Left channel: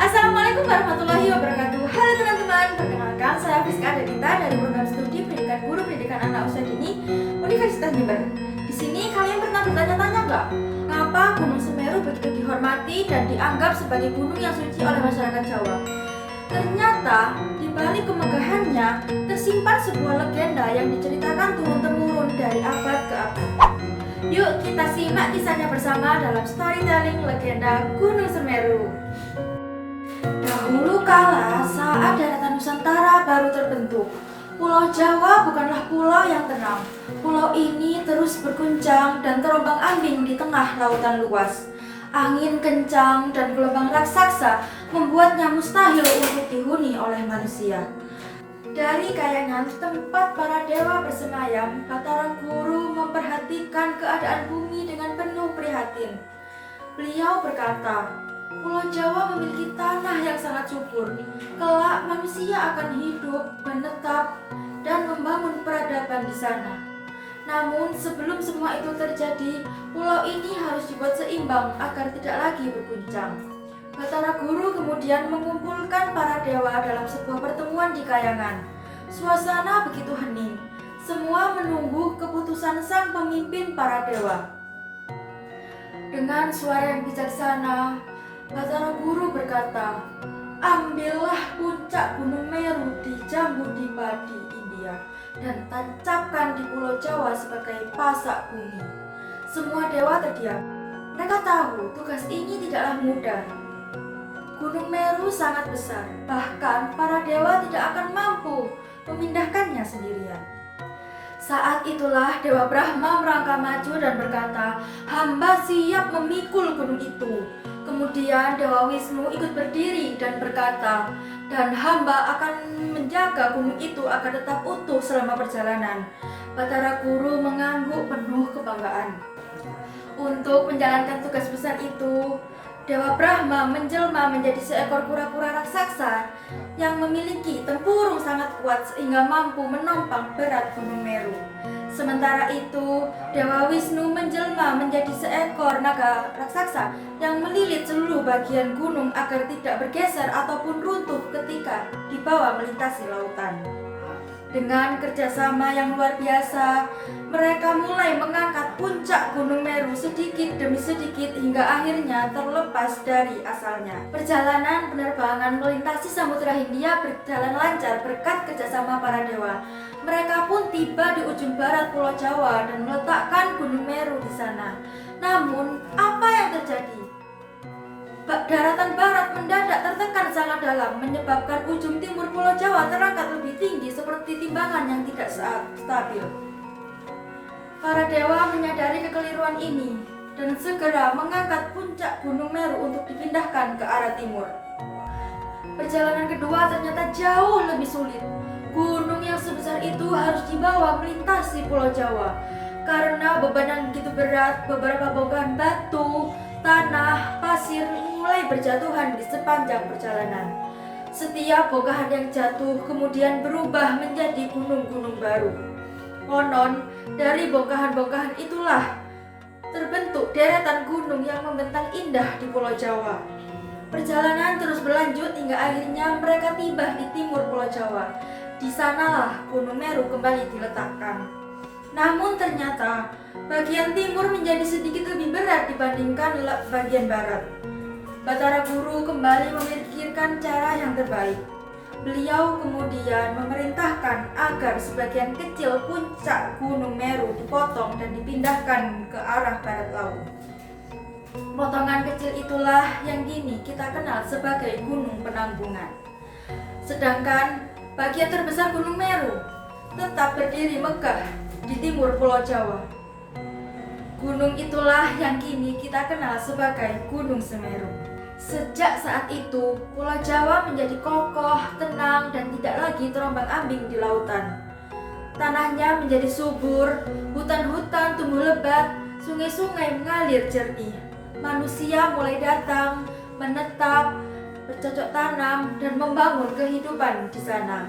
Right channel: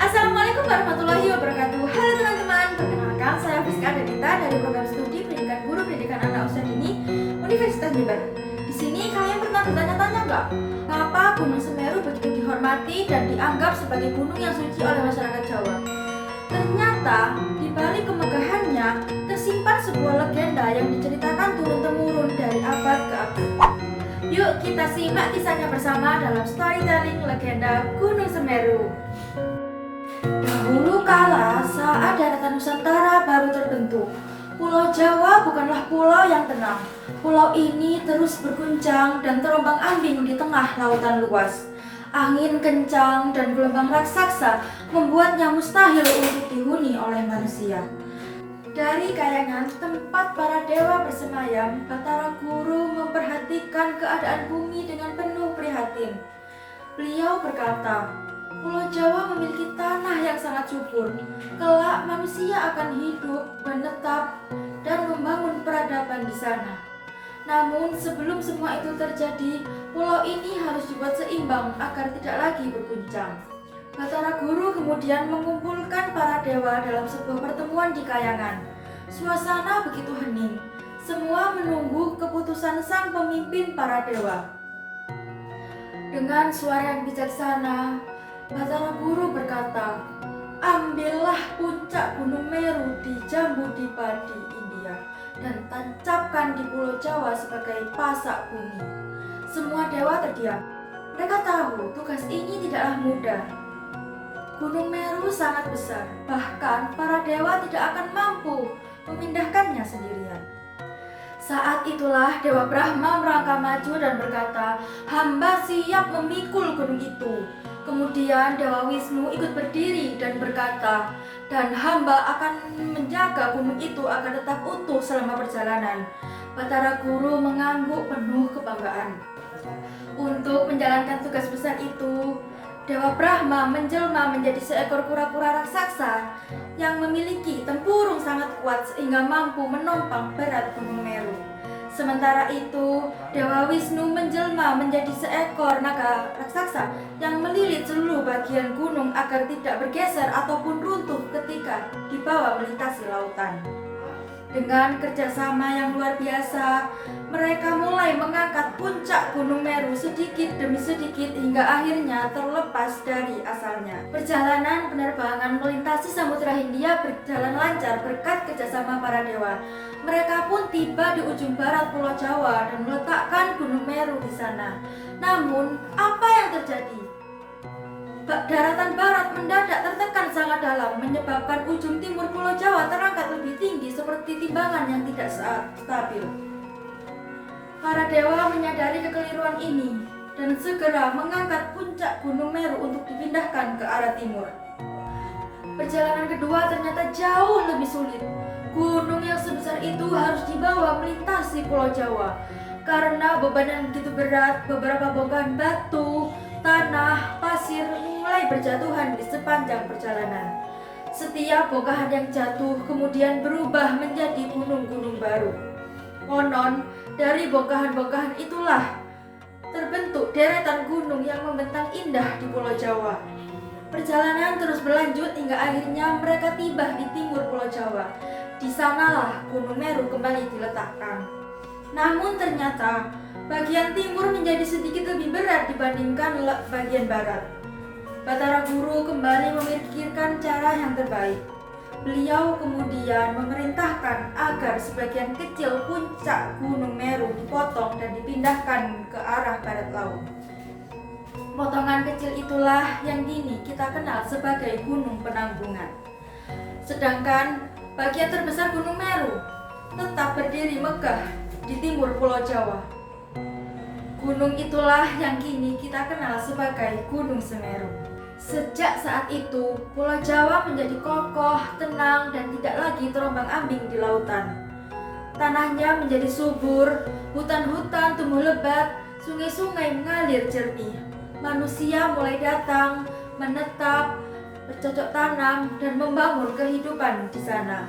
Assalamualaikum warahmatullahi wabarakatuh. Halo teman-teman, perkenalkan saya Fiska Adelita dari program studi Pendidikan Guru Pendidikan Anak Usia Dini Universitas Jember. Di sini kalian pernah bertanya-tanya nggak, kenapa Gunung Semeru begitu dihormati dan dianggap sebagai gunung yang suci oleh masyarakat Jawa? Ternyata di balik kemegahannya tersimpan sebuah legenda yang diceritakan turun-temurun dari abad ke abad. Yuk kita simak kisahnya bersama dalam storytelling legenda Gunung Semeru. Dahulu kala, saat daratan Nusantara baru terbentuk, Pulau Jawa bukanlah pulau yang tenang. Pulau ini terus berguncang dan terombang-ambing di tengah lautan luas. Angin kencang dan gelombang raksasa membuatnya mustahil untuk dihuni oleh manusia. Dari kayangan tempat para dewa bersemayam, Batara Guru memperhatikan keadaan bumi dengan penuh prihatin. Beliau berkata, Pulau Jawa memiliki tanah yang sangat subur. Kelak manusia akan hidup, menetap, dan membangun peradaban di sana. Namun sebelum semua itu terjadi, pulau ini harus dibuat seimbang agar tidak lagi berguncang. Batara Guru kemudian mengumpulkan para dewa dalam sebuah pertemuan di kayangan. Suasana begitu hening. Semua menunggu keputusan sang pemimpin para dewa. Dengan suara yang bijaksana, Batara Guru berkata, ambillah puncak Gunung Meru di Jambudvipa di India dan tancapkan di Pulau Jawa sebagai pasak bumi. Semua dewa terdiam. Mereka tahu tugas ini tidaklah mudah. Gunung Meru sangat besar, bahkan para dewa tidak akan mampu memindahkannya sendirian. Saat itulah Dewa Brahma merangkak maju dan berkata, hamba siap memikul gunung itu. Kemudian Dewa Wisnu ikut berdiri dan berkata, dan hamba akan menjaga gunung itu agar tetap utuh selama perjalanan. Batara Guru mengangguk penuh kebanggaan. Untuk menjalankan tugas besar itu, Dewa Brahma menjelma menjadi seekor kura-kura raksasa yang memiliki tempurung sangat kuat sehingga mampu menompang berat Gunung Meru. Sementara itu, Dewa Wisnu menjelma menjadi seekor naga raksasa yang melilit seluruh bagian gunung agar tidak bergeser ataupun runtuh ketika dibawa melintasi lautan. Dengan kerjasama yang luar biasa, mereka mulai mengangkat puncak Gunung Meru sedikit demi sedikit hingga akhirnya terlepas dari asalnya. Perjalanan penerbangan melintasi Samudra Hindia berjalan lancar berkat kerjasama para dewa. Mereka pun tiba di ujung barat Pulau Jawa dan meletakkan Gunung Meru di sana. Namun, apa yang terjadi? Daratan barat mendadak tertekan sangat dalam, menyebabkan ujung timur Pulau Jawa terangkat lebih tinggi seperti timbangan yang tidak stabil. Para dewa menyadari kekeliruan ini dan segera mengangkat puncak Gunung Meru untuk dipindahkan ke arah timur. Perjalanan kedua ternyata jauh lebih sulit. Gunung yang sebesar itu harus dibawa melintasi Pulau Jawa. Karena beban yang begitu berat, beberapa bongkahan batu, tanah, pasir mulai berjatuhan di sepanjang perjalanan. Setiap bongkahan yang jatuh kemudian berubah menjadi gunung-gunung baru. Konon, dari bongkahan-bongkahan itulah terbentuk deretan gunung yang membentang indah di Pulau Jawa. Perjalanan terus berlanjut hingga akhirnya mereka tiba di timur Pulau Jawa. Di sanalah Gunung Meru kembali diletakkan. Namun ternyata bagian timur menjadi sedikit lebih berat dibandingkan bagian barat. Batara Guru kembali memikirkan cara yang terbaik. Beliau kemudian memerintahkan agar sebagian kecil puncak Gunung Meru dipotong dan dipindahkan ke arah barat laut. Potongan kecil itulah yang kini kita kenal sebagai Gunung Penanggungan. Sedangkan bagian terbesar Gunung Meru tetap berdiri megah di timur Pulau Jawa. Gunung itulah yang kini kita kenal sebagai Gunung Semeru. Sejak saat itu, Pulau Jawa menjadi kokoh, tenang, dan tidak lagi terombang-ambing di lautan. Tanahnya menjadi subur, hutan-hutan tumbuh lebat, sungai-sungai mengalir jernih. Manusia mulai datang, menetap, bercocok tanam, dan membangun kehidupan di sana.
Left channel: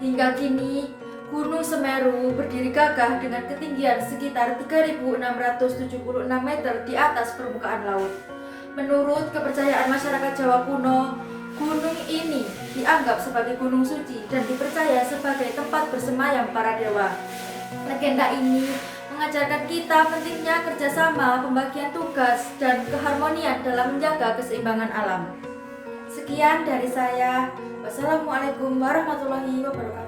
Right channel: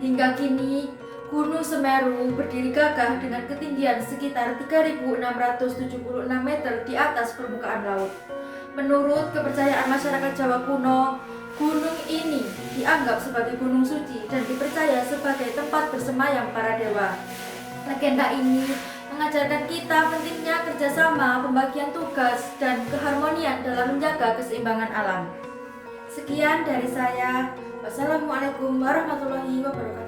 Hingga kini, Gunung Semeru berdiri gagah dengan ketinggian sekitar 3.676 meter di atas permukaan laut. Menurut kepercayaan masyarakat Jawa kuno, dianggap sebagai gunung suci dan dipercaya sebagai tempat bersemayam para dewa. Legenda ini mengajarkan kita pentingnya kerjasama, pembagian tugas, dan keharmonian dalam menjaga keseimbangan alam. Sekian dari saya. Wassalamualaikum warahmatullahi wabarakatuh.